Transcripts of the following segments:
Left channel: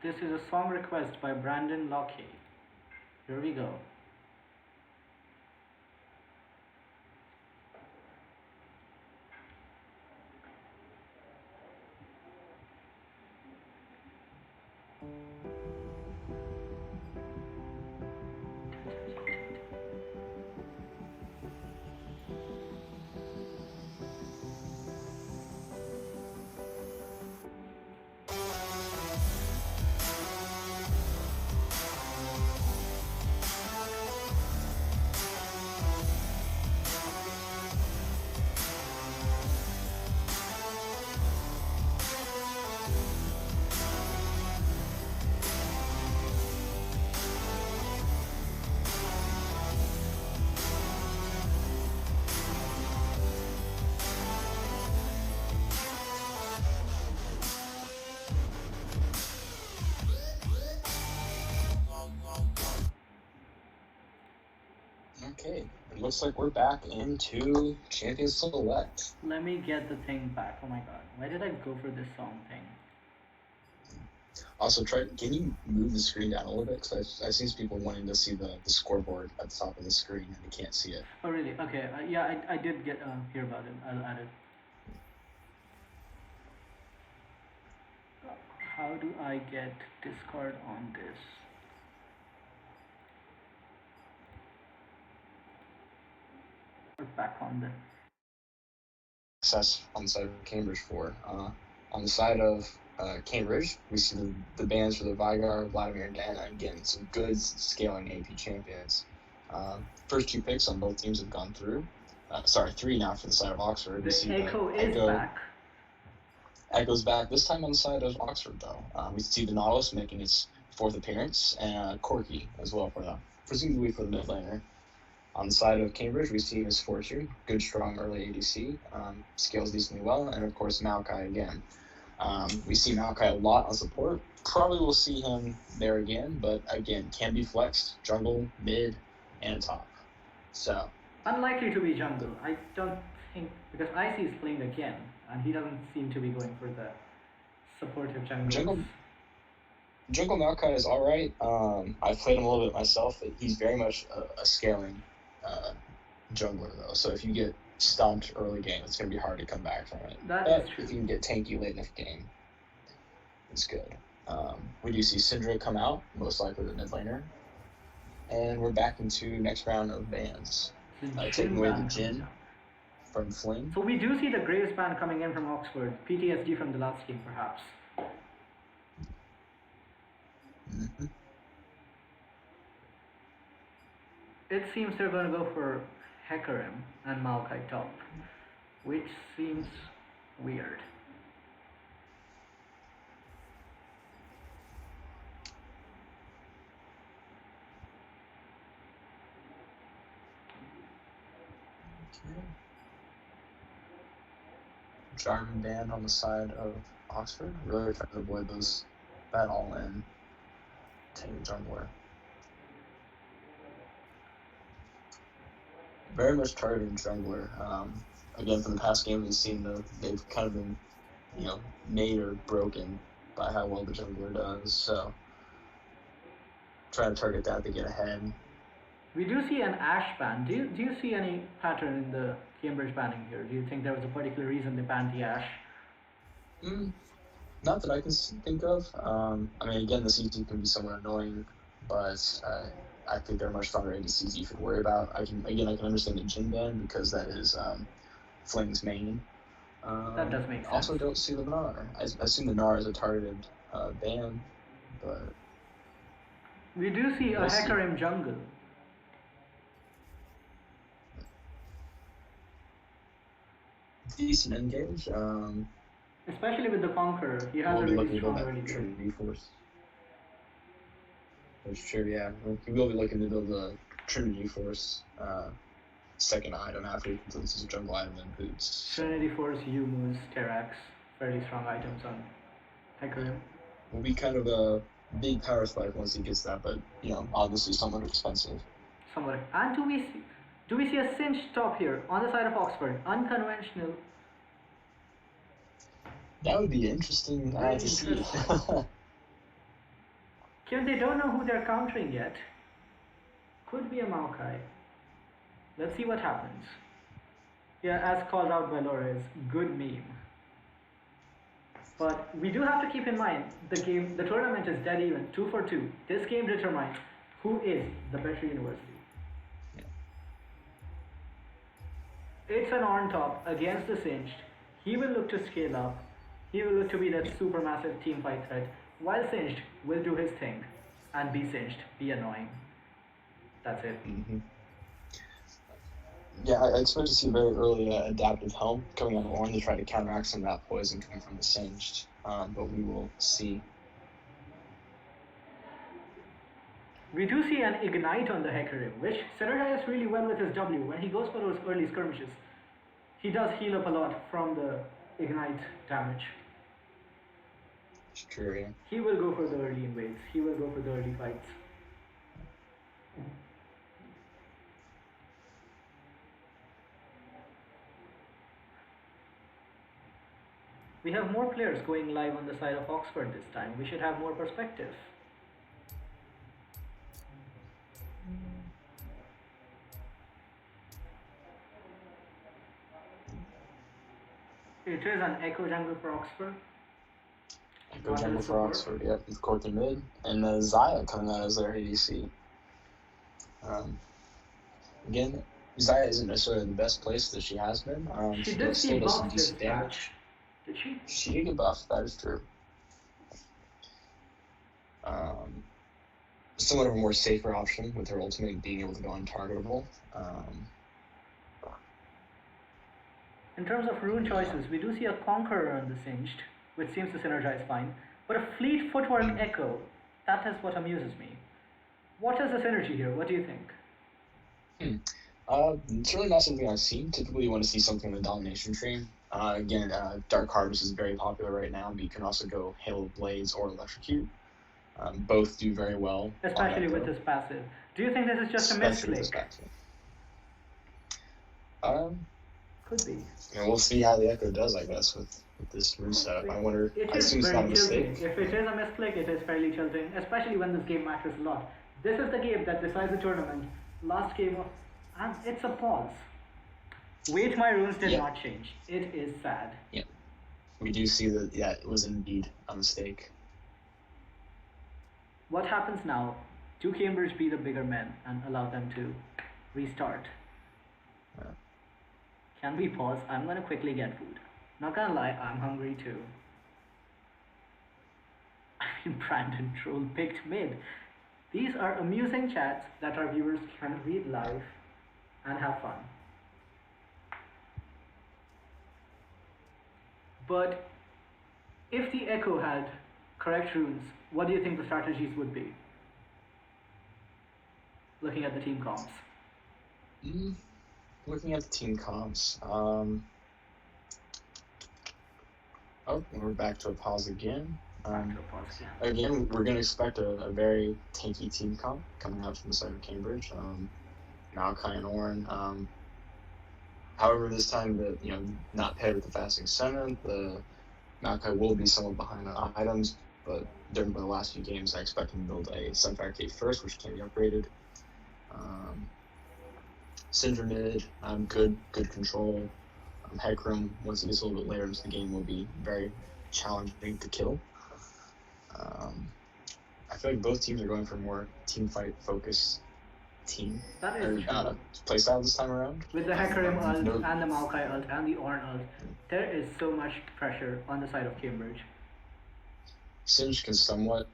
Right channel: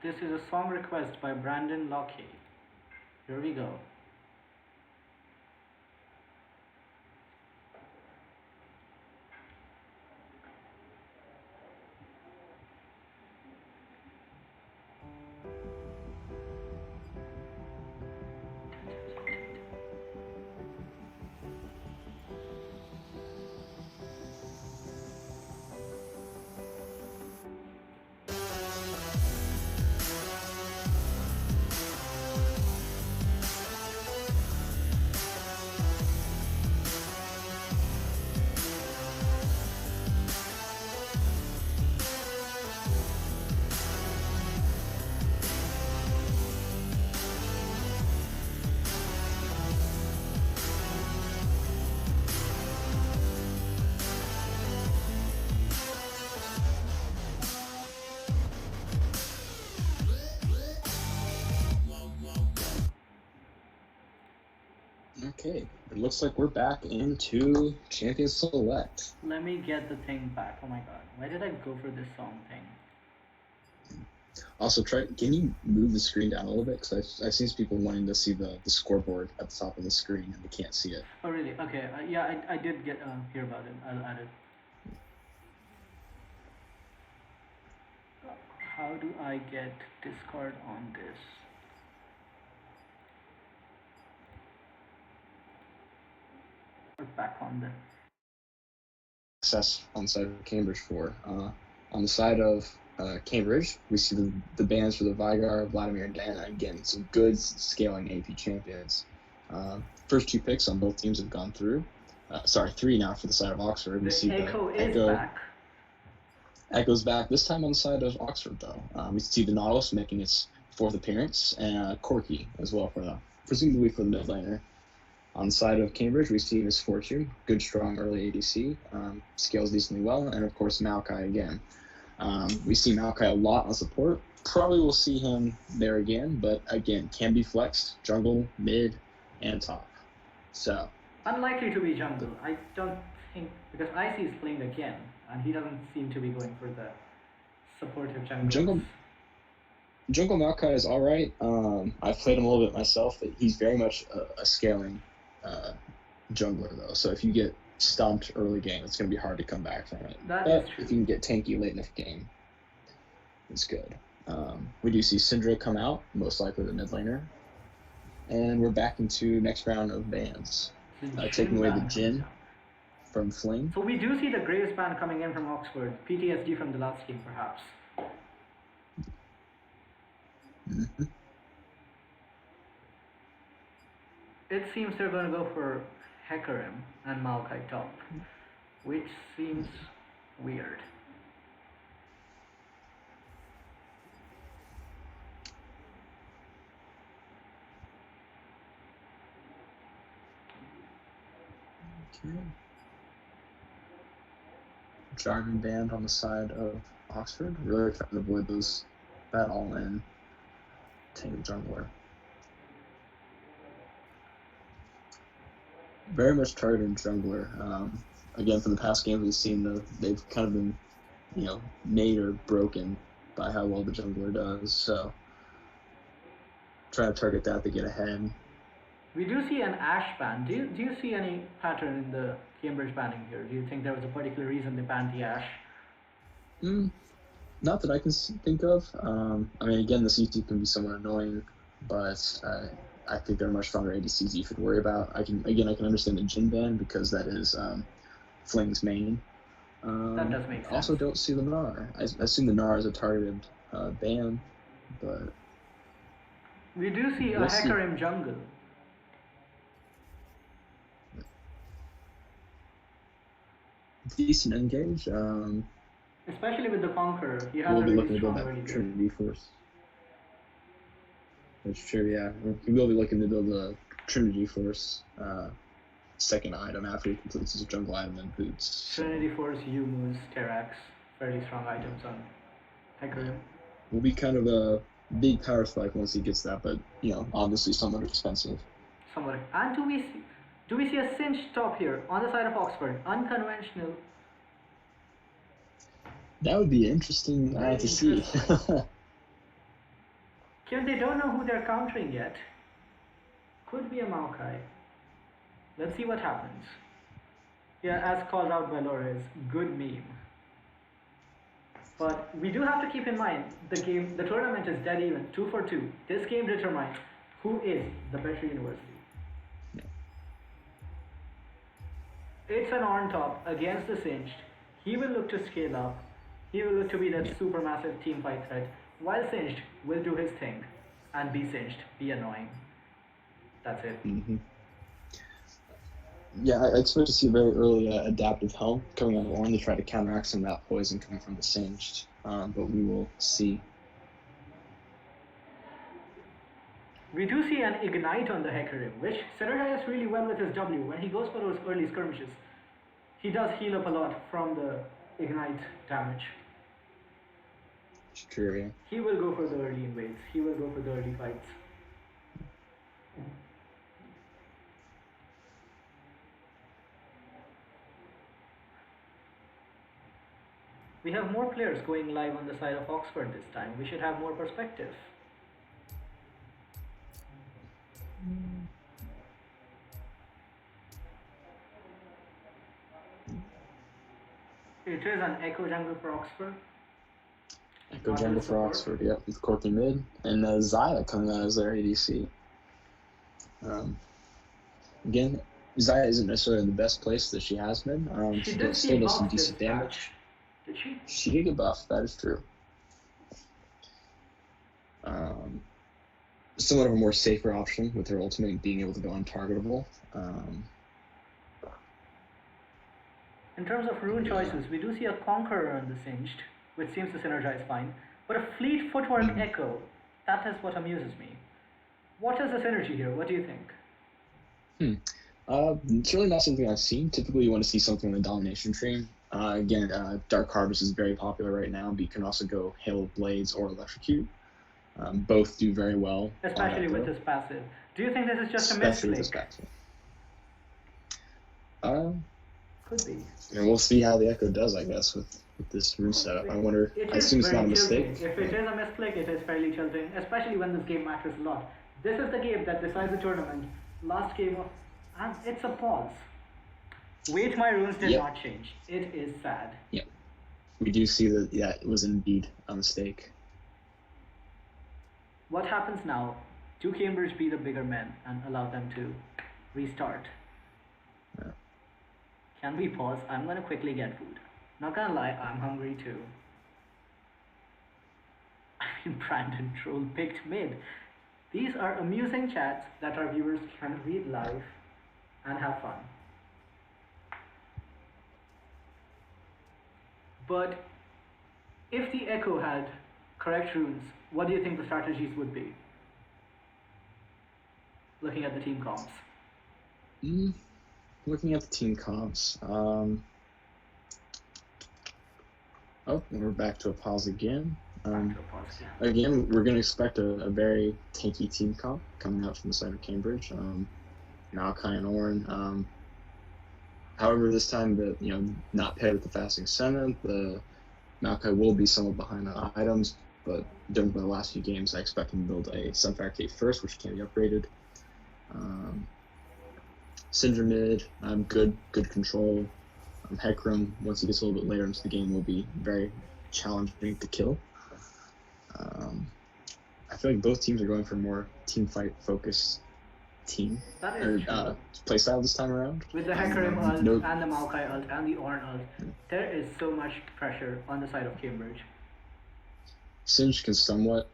This is a song request by Brandon Lockie. Here we go. Okay, it looks like we're back into Champion Select. Let me get the thing back. Oh my god. Why did I go for this song thing? Also, can you move the screen down a little bit? Because I've seen people wanting to see the scoreboard at the top of the screen and they can't see it. Oh really? Okay. Yeah, I did get hear about it. I'll add it. How do I get Discord on this? Back on the Success on the side of Cambridge for. On the side of Cambridge, we see the bans for the Vigar, Vladimir, and Dana. Again, some good scaling AP champions. First two picks on both teams have gone through. Sorry, three now for the side of Oxford. The Echo is back. Echo's back, this time on the side of Oxford, though. We see the Nautilus making its fourth appearance, and Corky as well, presumably for the mid laner. On the side of Cambridge, we see Miss Fortune, good, strong early ADC, scales decently well, and of course Maokai again. We see Maokai a lot on support. Probably will see him there again, but again, can be flexed, jungle, mid, and top. So unlikely to be jungle. I don't think, because Icy is playing again, and he doesn't seem to be going for the supportive jungle. Jungle Maokai is alright. I've played him a little bit myself, but he's very much a scaling jungler, though. So if you get stumped early game, it's going to be hard to come back from it. That is true. If you can get tanky late enough game, it's good. We do see Syndra come out, most likely the mid laner. And we're back into next round of bans. Taking away the Jhin from Fling. So we do see the Graves ban coming in from Oxford. PTSD from the last game, perhaps. Mm-hmm. It seems they're going to go for Hecarim and Maokai top, which seems weird. Okay. Jarvan band on the side of Oxford, really trying to avoid that all-in tank jungler. Very much targeted jungler. Again, from the past game, we've seen they've kind of been, made or broken by how well the jungler does. So, trying to target that to get ahead. We do see an Ashe ban. Do you see any pattern in the Cambridge banning here? Do you think there was a particular reason they banned the Ashe? Not that I can think of. Again, the CT can be somewhat annoying, but I think there are much stronger ADCs you should worry about. I can understand the Jhin ban because that is Fling's main. That does make sense. Also, don't see the Gnar. I assume the Gnar is a targeted ban, but we do see a Hecarim jungle. Decent engage. Especially with the Conqueror, he has a really strong early Trinity Force. That's true, yeah. He will be looking to build a Trinity Force second item after he completes his jungle item and boots. Trinity Force, Yumus, Terax, fairly strong items on Hecarim. Will be kind of a big power spike once he gets that, but obviously somewhat expensive. Somewhat. And do we see a cinch top here on the side of Oxford? Unconventional. That would be interesting to see. Given they don't know who they're countering yet, could be a Maokai. Let's see what happens. Yeah, as called out by Lores, good meme. But we do have to keep in mind the tournament is dead even, 2 for 2. This game determines who is the better university. It's an on top against the Singed. He will look to scale up. He will look to be that super massive team fight threat, while Singed will do his thing and be Singed, be annoying. That's it. Mm-hmm. Yeah, I expect to see a very early adaptive helm coming out of Ornn to try to counteract some of that poison coming from the Singed, but we will see. We do see an Ignite on the Hecarim, which synergizes really well with his W. When he goes for those early skirmishes, he does heal up a lot from the Ignite damage. True, yeah. He will go for the early invades. He will go for the early fights. We have more players going live on the side of Oxford this time. We should have more perspective. It is an Echo jungle for Oxford. Echo jungle for Oxford, yep, with Corky mid. And Xayah coming out as their ADC. Again, Xayah isn't necessarily in the best place that she has been. She did see buffed this match. Did she? She did get buffed, that is true. Somewhat of a more safer option with her ultimate being able to go untargetable. In terms of rune choices, we do see a Conqueror on the Singed, which seems to synergize fine. But a Fleet Footwork Echo, that is what amuses me. What is the synergy here? What do you think? It's really not something I've seen. Typically, you want to see something in the Domination tree. Again, Dark Harvest is very popular right now, but you can also go Hail of Blades or Electrocute. Both do very well. Especially with his passive. Do you think this is just a misclick? Could be. And we'll see how the Echo does, I guess, with this moveset. I wonder. It is very tilting. If it is a misclick, it is fairly tilting, especially when this game matters a lot. This is the game that decides the tournament. Last game of, and it's a pause. Wait, my runes did not change. It is sad. Yep. We do see that, yeah, it was indeed a mistake. What happens now? Do Cambridge be the bigger men and allow them to restart? Yeah. Can we pause? I'm gonna quickly get food. Not gonna lie, I'm hungry too. I mean, Brandon Troll picked mid. These are amusing chats that our viewers can read live and have fun. But if the Echo had correct runes, what do you think the strategies would be? Looking at the team comps. Looking at the team comps. Oh, we're back to a pause again. Again, we're going to expect a very tanky team comp coming out from the side of Cambridge. Maokai and Ornn. However, this time, not paired with the Fasting Senna, the Maokai will be somewhat behind on items, but during the last few games, I expect him to build a Sunfactate first, which can be upgraded. Syndra mid, good control. Hecarim, once he gets a little bit later into the game, will be very challenging to kill. I feel like both teams are going for a more team fight focused team. That is true. Playstyle this time around. With the Hecarim ult and the Maokai ult and the Ornn ult, there is so much pressure on the side of Cambridge. Singe can somewhat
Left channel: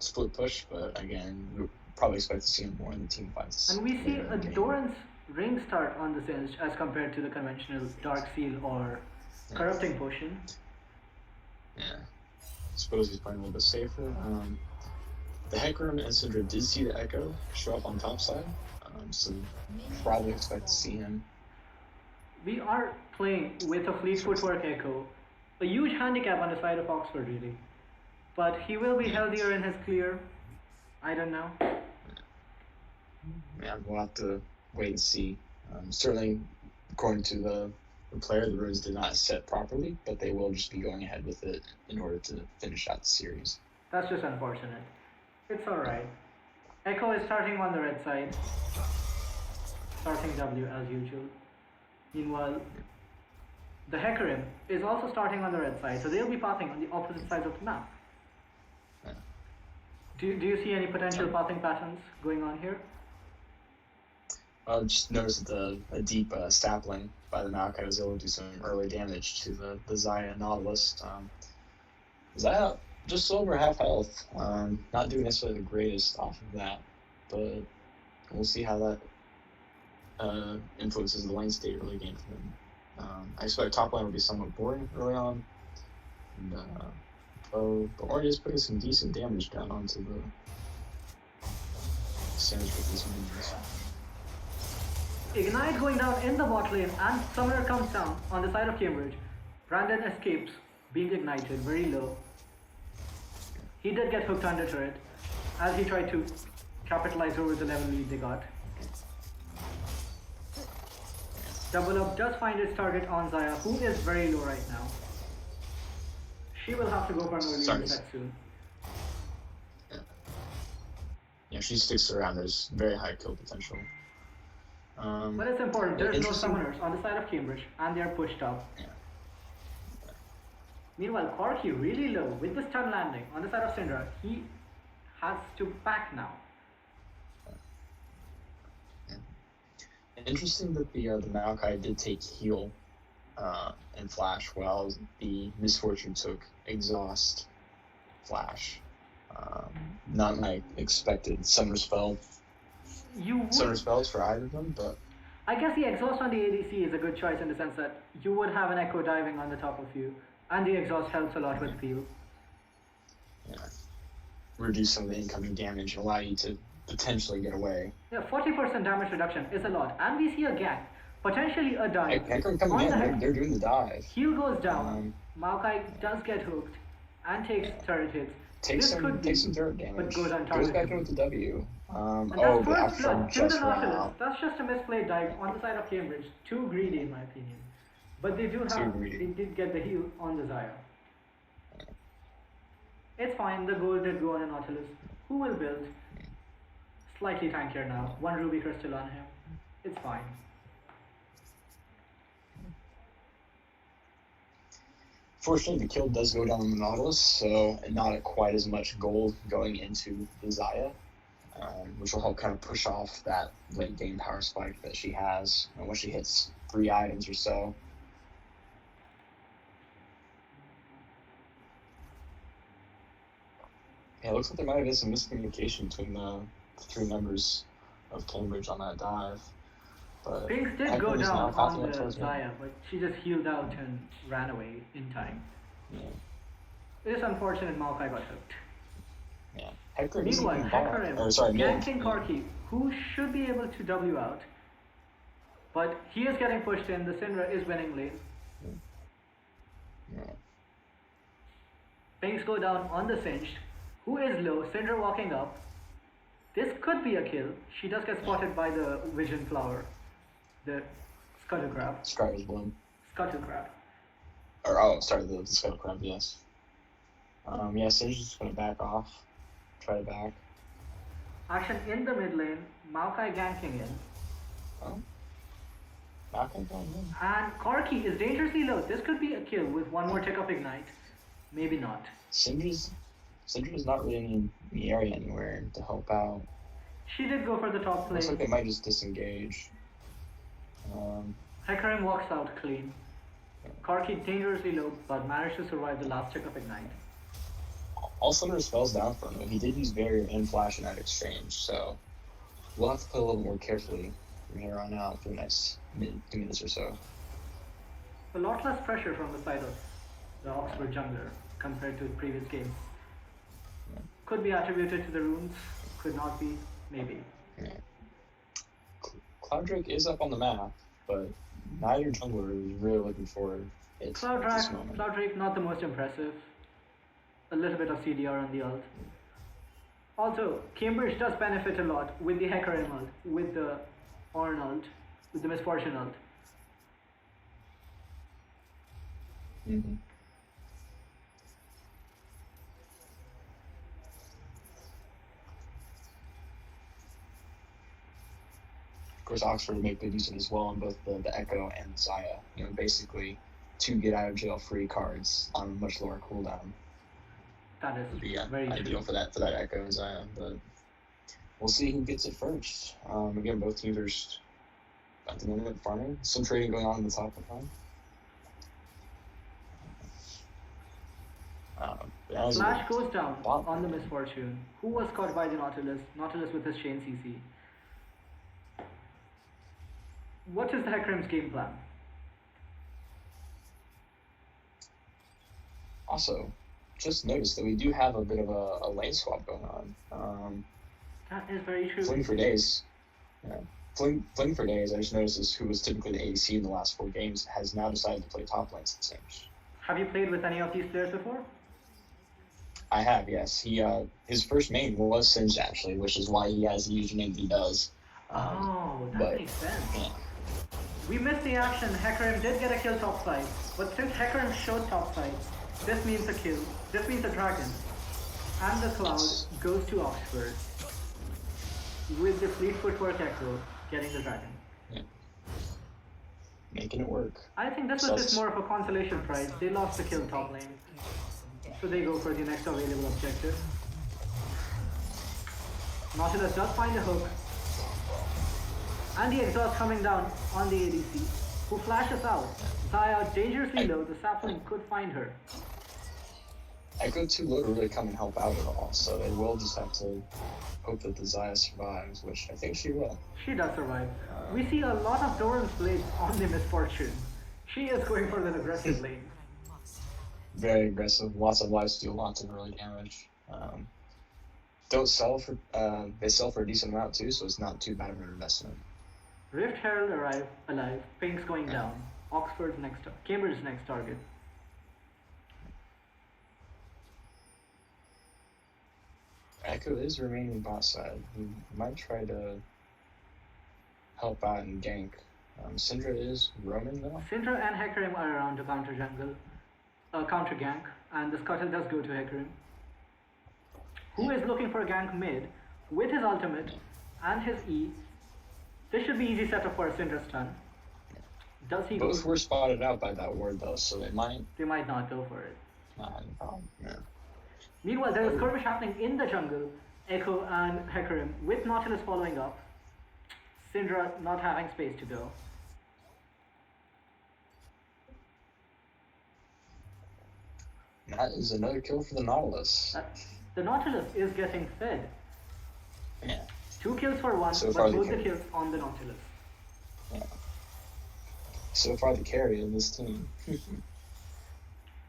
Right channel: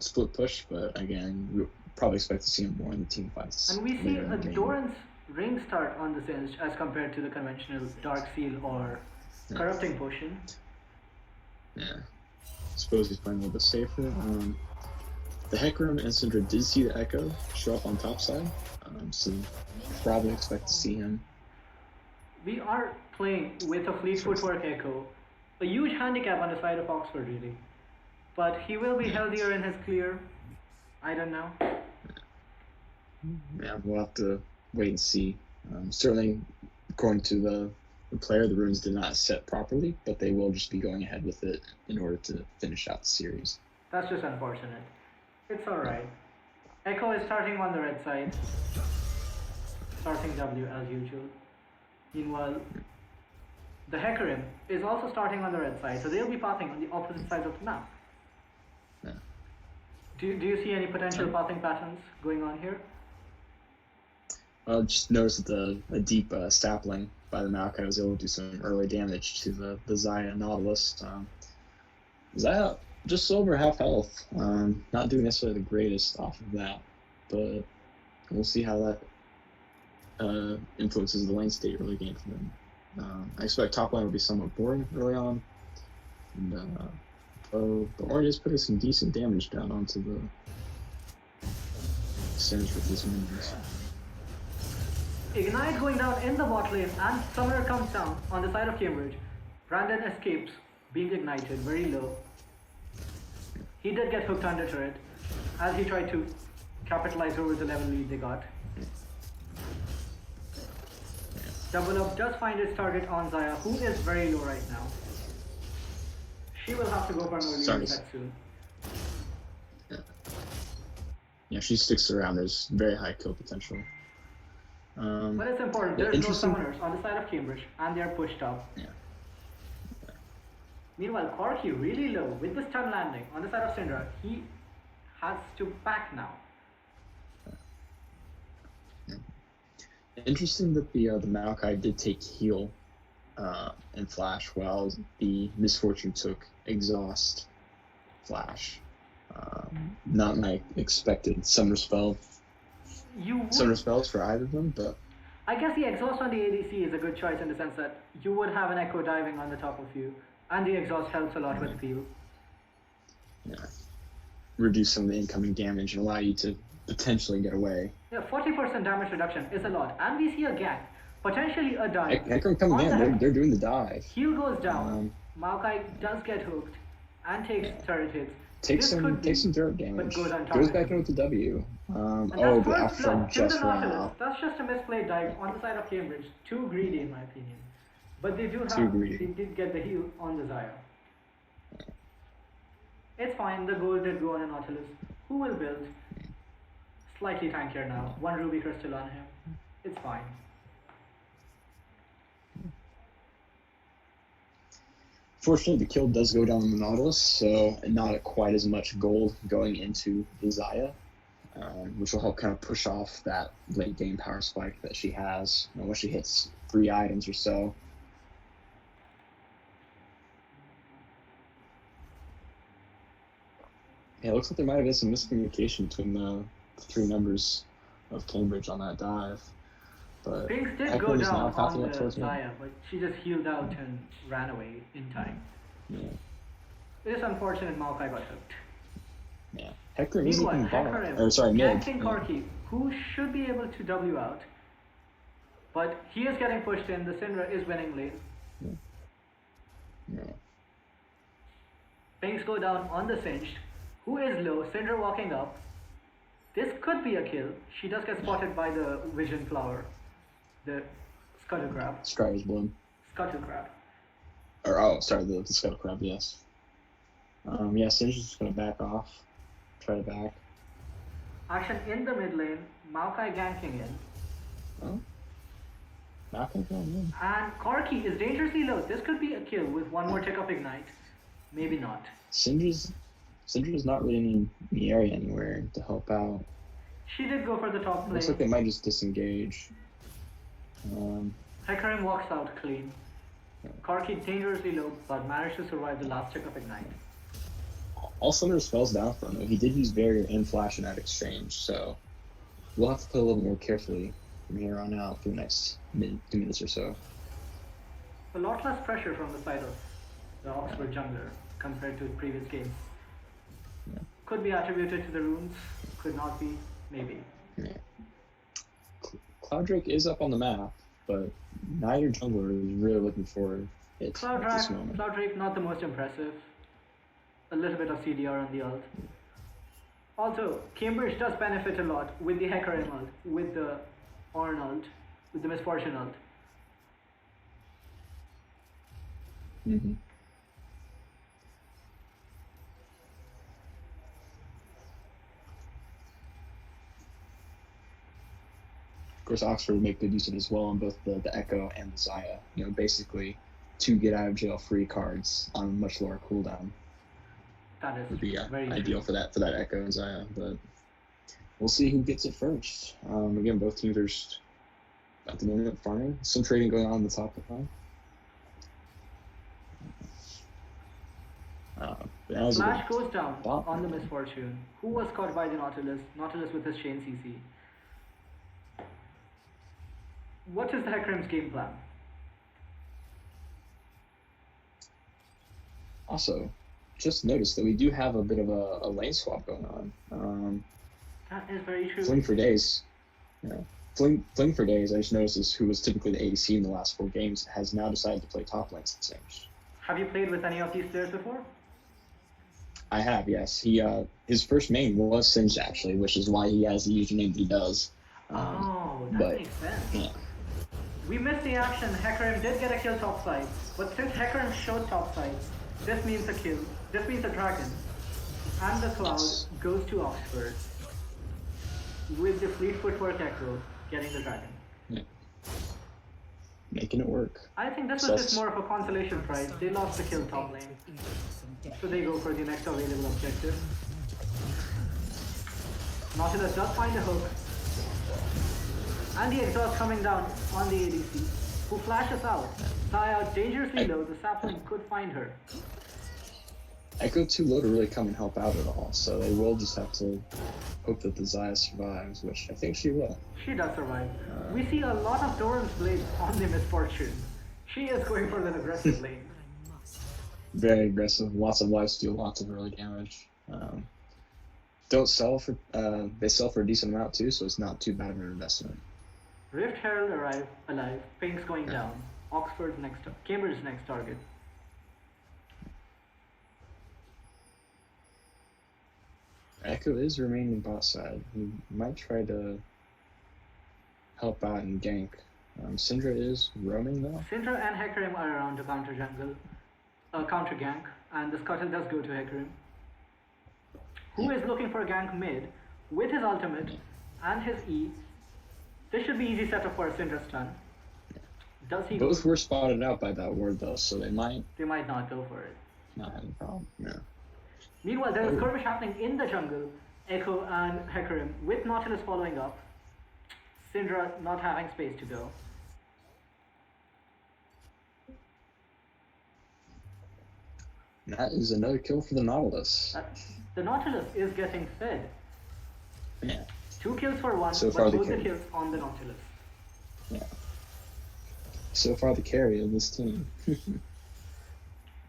split push, but again, we probably expect to see him more in the team fights. And we see a Doran's ring start on the Singe as compared to the conventional Dark Seal or Corrupting Potion. Yeah. I suppose he's playing a little bit safer. The Hecarim and Syndra did see the Echo show up on top side, so probably expect to see him. We are playing with a Fleet Footwork Echo, a huge handicap on the side of Oxford really, but he will be healthier in his clear. I don't know. Yeah, we'll have to wait and see. Certainly, according to the player, the runes did not set properly, but they will just be going ahead with it in order to finish out the series. That's just unfortunate. It's alright. Echo is starting on the red side, starting W as usual. Meanwhile, the Hecarim is also starting on the red side, so they'll be pathing on the opposite sides of the map. Yeah. Do you see any potential pathing patterns going on here? Just noticed that a deep sapling by the Maokai was able to do some early damage to the Xayah Nautilus. Xayah just over half health, not doing necessarily the greatest off of that, but we'll see how that influences the lane state early game for him. I expect top lane will be somewhat boring early on, and but already is putting some decent damage down onto the Singed with these minions. Ignite going down in the bot lane, and Summoner comes down on the side of Cambridge. Brandon escapes, being ignited very low. He did get hooked under turret as he tried to capitalize over the level lead they got. Double Up does find its target on Xayah, who is very low right now. She will have to go for an early reset soon. Yeah, she sticks around. There's very high kill potential. But it's important, there's no summoners on the side of Cambridge, and they are pushed up. Yeah. Meanwhile, Corky really low with the stun landing on the side of Syndra. He has to back now. Interesting that the Maokai did take heal and flash, while the Misfortune took exhaust flash. Not my expected summer spell. Summer spells for either of them, but I guess the exhaust on the ADC is a good choice in the sense that you would have an echo diving on the top of you, and the exhaust helps a lot with peel. Yeah. Reduce some of the incoming damage and allow you to potentially get away. Yeah, 40% damage reduction is a lot, and we see a gank, potentially a dive. Hecarim coming in, they're doing the dive. Heal goes down, Maokai does get hooked, and takes turret hits. Takes some dirt damage, but goes untargeted. Goes back in with the W. And that's first blood to the Nautilus. That's just a misplayed dive on the side of Cambridge. Too greedy in my opinion. But they did get the heal on the Xayah. It's fine, the gold did go on a Nautilus. Who will build? Slightly tankier now. 1 Ruby Crystal on him. It's fine. Fortunately, the kill does go down on the Nautilus, so not quite as much gold going into the Xayah, which will help kind of push off that late game power spike that she has once she hits 3 items or so. Yeah, it looks like there might have been some miscommunication between the 3 members of Cambridge on that dive. But Pinks did go down on the Xayah, but she just healed out and ran away in time. Yeah. It is unfortunate Maokai got hooked. Yeah. Hecarim Meanwhile, Hecarim ganking Corky, who should be able to W out. But he is getting pushed in, the Syndra is winning lane. Yeah. Pinks go down on the Singed, who is low, Syndra walking up. This could be a kill. She does get spotted by the Vision Flower. The Scuttle Crab. Strider's Bloom. Scuttle Crab. The Scuttle Crab, yes. Yeah, Singe's just gonna back off. Try to back. Action in the mid lane, Maokai ganking in. Oh. Maokai going in. And Corky is dangerously low. This could be a kill with 1 more tick of Ignite. Maybe not. Syndra's not really in the area anywhere to help out. She did go for the top lane. Looks like they might just disengage. Hecarim walks out clean. Corky dangerously low, but managed to survive the last tick of Ignite. All Summoner spells down from him. He did use Barrier and Flash in that exchange, so we'll have to play a little more carefully from here on out for the next 2 minutes or so. A lot less pressure from the side of the Oxford jungler compared to previous games. Yeah. Could be attributed to the runes, could not be, maybe. Yeah. Cloud Drake is up on the map, but neither jungler is really looking for it. Cloud Drake not the most impressive. A little bit of CDR on the ult. Also, Cambridge does benefit a lot with the Hecarim ult, with the Ornn ult, with the Misfortune ult. Mm-hmm. course, Oxford will make good use of it as well in both the Echo and Zaya. Basically 2 get out of jail free cards on a much lower cooldown. That is Would be very ideal true. for that Echo and Zaya, but we'll see who gets it first. Again, both teams are at the moment farming. Some trading going on in the top lane. Flash goes down on the Misfortune. Who was caught by the Nautilus? Nautilus with his chain CC. What is the Hecarim's game plan? Also, just noticed that we do have a bit of a lane swap going on. That is very true. Fling for days. Yeah. Fling for days, I just noticed this, who was typically the ADC in the last 4 games, has now decided to play top lane Singed. Have you played with any of these players before? I have, yes. His first name was Singed, actually, which is why he has the username he does. That makes sense. Yeah. We missed the action. Hecarim did get a kill topside, but since Hecarim showed topside, this means a kill. This means a dragon. And the cloud goes to Oxford, with the fleet footwork Echo getting the dragon. Yeah. Making it work. I think this was just more of a consolation prize. They lost the kill top lane, so they go for the next available objective. Nautilus does find a hook, and the exhaust coming down on the ADC, who flashes out. Zaya dangerously low, the sapling could find her. Echo too low to really come and help out at all, so they will just have to hope that the Zaya survives, which I think she will. She does survive. We see a lot of Doran's blades on the Misfortune. She is going for an aggressive lane. Very aggressive, lots of lifesteal, lots of early damage. Don't sell for they sell for a decent amount too, so it's not too bad of an investment. Rift Herald alive, Pink's going down. Cambridge's next target. Echo is remaining bot side. He might try to help out and gank. Syndra is roaming though. Syndra and Hecarim are around to counter gank, and the scuttle does go to Hecarim, who is looking for a gank mid with his ultimate and his E. This should be easy setup for a Syndra stun. Does he Both were spotted out by that ward though, so they might not go for it. not have a problem. Yeah. Meanwhile, there is skirmish happening in the jungle. Echo and Hecarim with Nautilus following up. Syndra not having space to go. That is another kill for the Nautilus. The Nautilus is getting fed. Yeah. 2 kills for 1, So but both the kills on the Nautilus. Yeah. So far the carry of this team.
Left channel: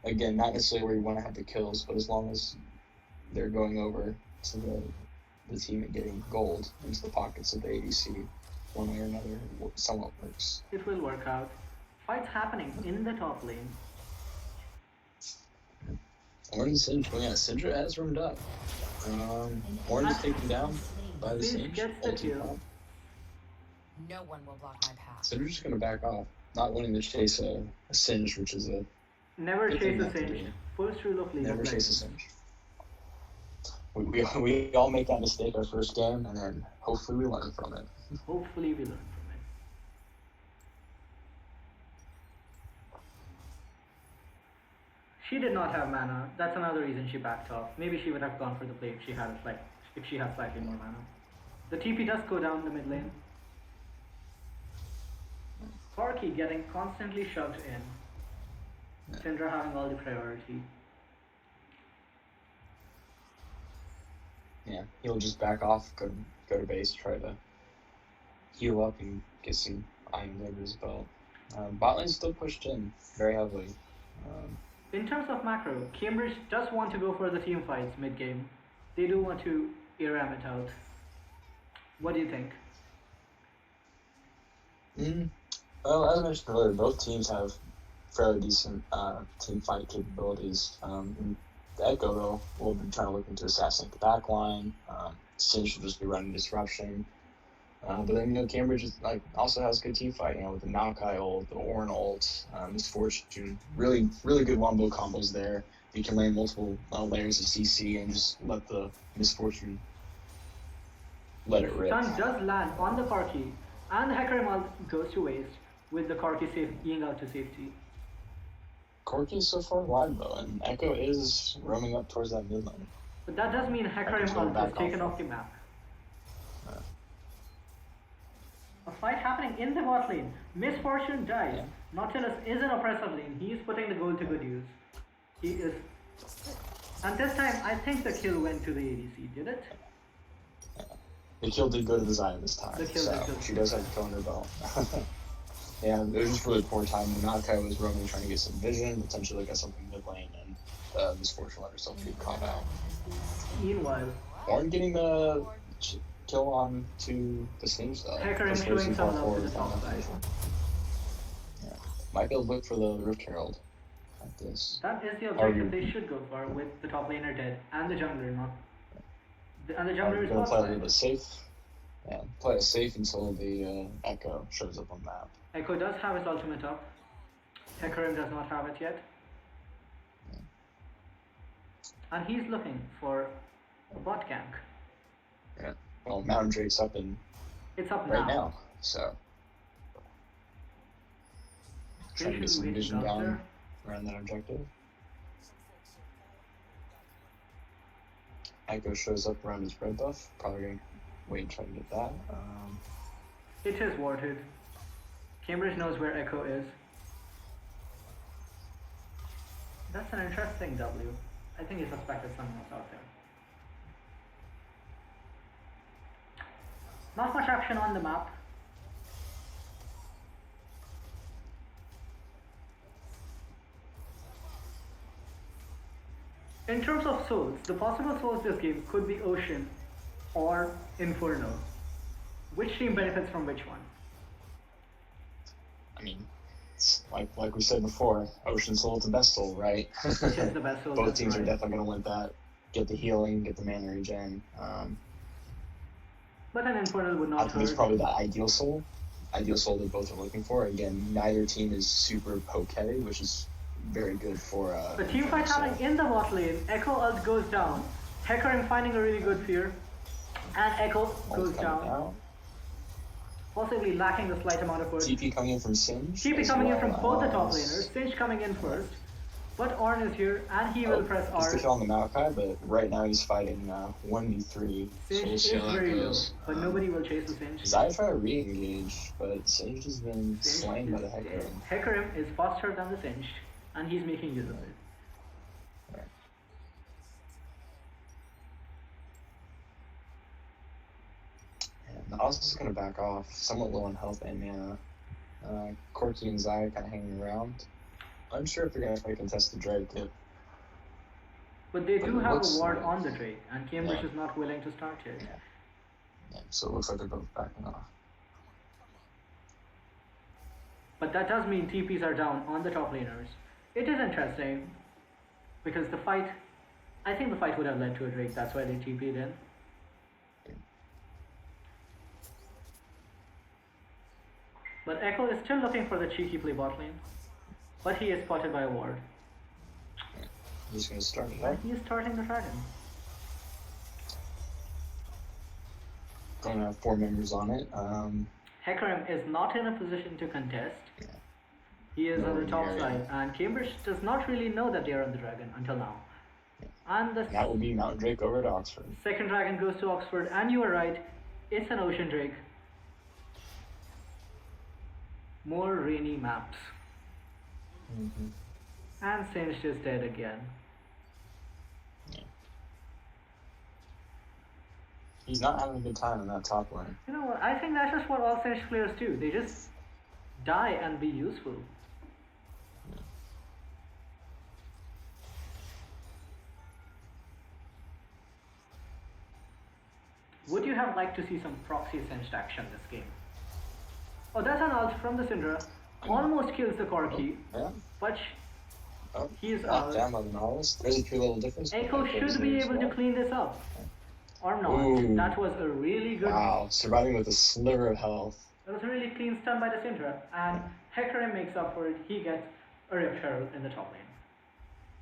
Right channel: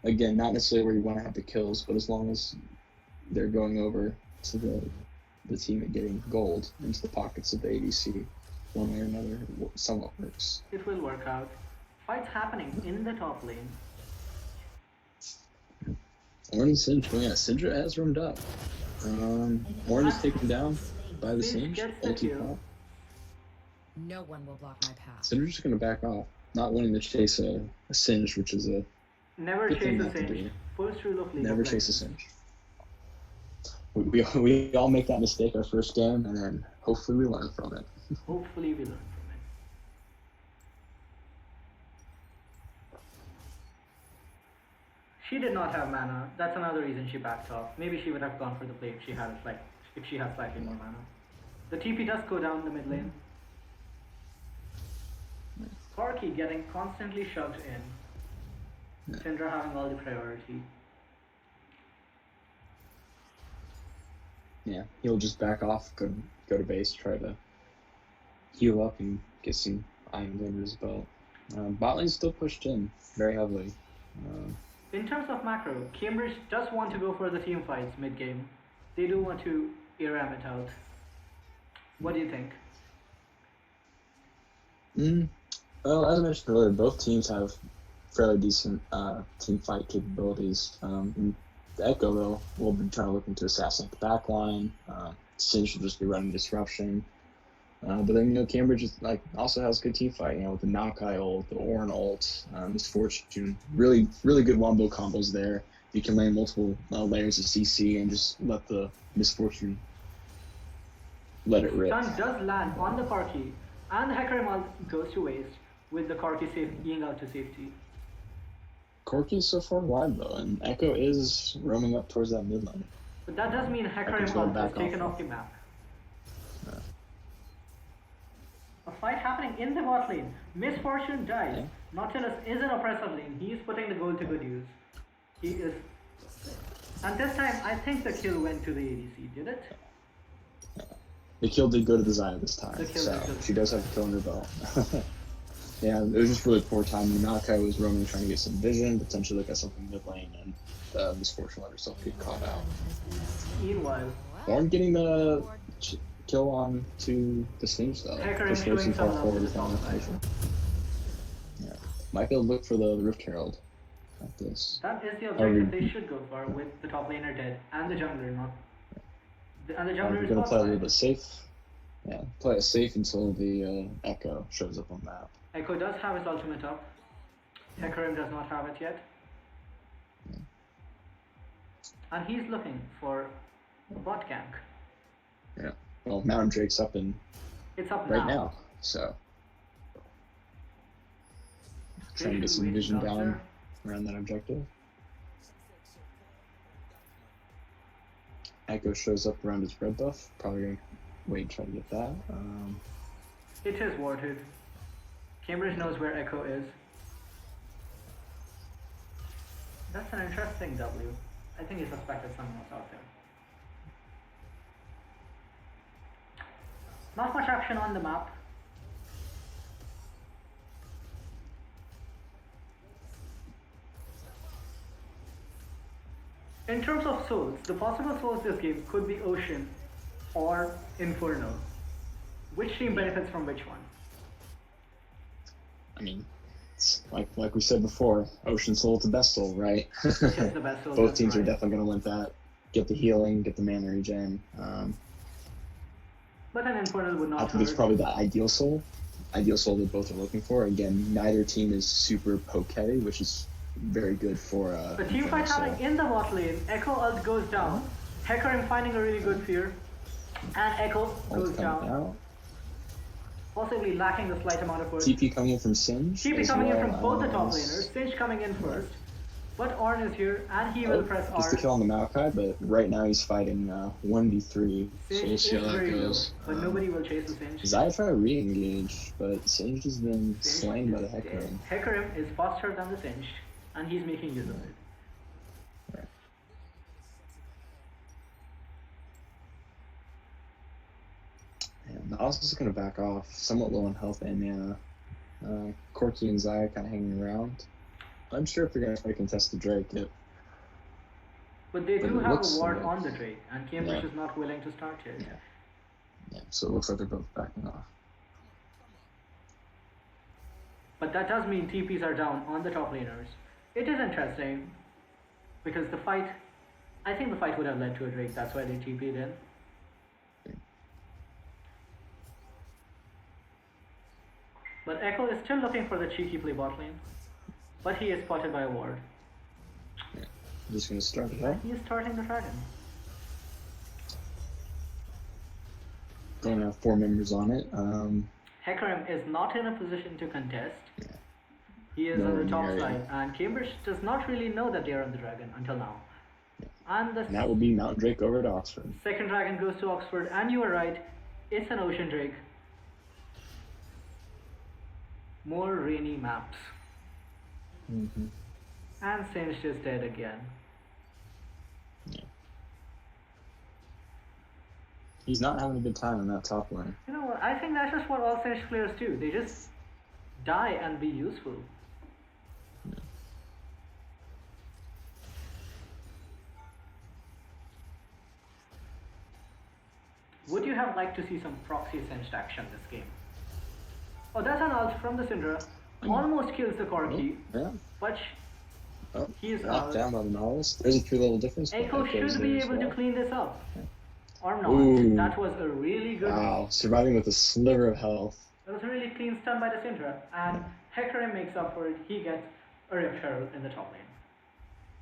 Again, not necessarily where you want to have the kills, but as long as they're going over to the team and getting gold into the pockets of the ADC, one way or another, it somewhat works. It will work out. Fights happening in the top lane. Ornn and Syndra, yeah, Syndra has roomed up. Ornn is taken down by the Singed Singed. gets the kill. No one will block my path. Syndra's just going to back off, not wanting to chase a Singed, which is a... Never good chase thing a not to Singed. do. First rule of League Never of chase a Legends. Singed. We all make that mistake our first game, and then hopefully we learn from it. Hopefully we learn from it. She did not have mana. That's another reason she backed off. Maybe she would have gone for the play if she had slightly more mana. The TP does go down the mid lane. Corki getting constantly shoved in. Syndra having all the priority. Yeah, he'll just back off, go to base, try to heal up and get some iron under his belt. Bot lane's still pushed in very heavily. In terms of macro, Cambridge does want to go for the team fights mid-game. They do want to ARAM it out. What do you think? Well, as I mentioned earlier, both teams have fairly decent team fight capabilities. The Echo, though, will be trying to look into assassinate the back line. Singed will just be running disruption. But then, Cambridge is, also has good team fight, with the Maokai ult, the Ornn ult, Misfortune. Really, really good wombo combos there. You can lane multiple layers of CC and just let the Misfortune let it rip. Stun does land on the Corki, And the Hecarim ult goes to waste with the Corki being out to safety. Corki is so far wide though, and Echo is roaming up towards that mid lane. But that does mean Hecarim Echo's going ult is back taken off. off the map. A fight happening in the bot lane. Misfortune dies. Nautilus is in oppressive lane. He is putting the gold to good use. He is. And this time, I think the kill went to the ADC, did it? The kill did go to the Xayah this time, The kill so did go to she the does have a kill under her belt. Yeah, it was just really poor timing. Malachi was roaming trying to get some vision, potentially look at something mid lane, and Misfortune let herself get caught out. Meanwhile, Ornn getting the kill on to the Sage though. Hecarim Just showing racing some far love to forward the top with side. Yeah. Might be able to look for the Rift Herald like this. That is the objective they should go for with the top laner dead and the jungler not. And the jungler is Gonna bot play a little side. bit safe. Yeah, play it safe until the Echo shows up on the map. Echo does have his ultimate up. Hecarim does not have it yet. And he's looking for a bot gank. Yeah. Well, Mountain Drake's up in It's up right now, so trying to get some Patiently vision waiting out down there. around that objective. Echo shows up around his red buff. Probably gonna wait and try to get that. It is warded. Cambridge knows where Echo is. That's an interesting W. I think he suspected someone else out there. Not much action on the map. In terms of souls, the possible souls this game could be Ocean or Inferno. Which team benefits from which one? I mean, it's like we said before, Ocean Soul to Best Soul, right? Which is the best soul? Both that's teams are right. definitely going to want that. Get the healing, get the mana regen. But an Infernal would I not think it's hurt. probably the ideal soul. Ideal soul that both are looking for. Again, neither team is super poke heavy, which is very good for. The team fight happening in the bot lane. Echo ult goes down. Hecarim finding a really good fear. And Echo goes down. Possibly lacking the slight amount of work. TP coming in from Singe. TP coming in from both the top Nice. laners. Singe coming in first. But Ornn is here and he will press He's R. the kill on the Maokai, but right now he's fighting 1v3. Singe we'll is see how that very low, goes. but nobody will chase the Singe. Xayah tried to re-engage, but Singe has been Singe slain by the is Hecarim. dead. Hecarim is faster than the Singe, and he's making use of it. And Nautilus is going to back off, somewhat low on health and mana. Corki and Xayah kind of hanging around. I'm sure if they're going to try to contest the Drake, But they But do it have looks a ward like- on the Drake, and Cambridge Yeah. is not willing to start yet. yeah, so it looks like they're both backing off. But that does mean TPs are down on the top laners. It is interesting, because the fight, I think the fight would have led to a Drake, that's why they TP'd in. But Echo is still looking for the cheeky play bot lane, but he is spotted by a ward. I'm just going to start it up. And he is starting the dragon. Going to have 4 members on it. Hecarim is not in a position to contest. He is on the top side, and Cambridge does not really know that they are on the dragon until now. And the And that will be Mountain Drake over to Oxford. second dragon goes to Oxford, and you are right, it's an ocean drake. More rainy maps. Mm-hmm. And Singed is dead again. He's not having a good time in that top lane. You know what, I think that's just what all Singed players do. They just die and be useful. Would you have liked to see some proxy Singed action this game? Oh, that's an ult from the Syndra. Almost kills the Corki, Yeah. but Oh, he is knocked out. down by the Nautilus. There's a 3-level difference. Echo should be able to clean this up. Or not. Ooh. That was a really good. Wow, surviving with a sliver of health. That was a really clean stun by the Syndra. And Hecarim makes up for it. He gets a Rift Herald in the top lane.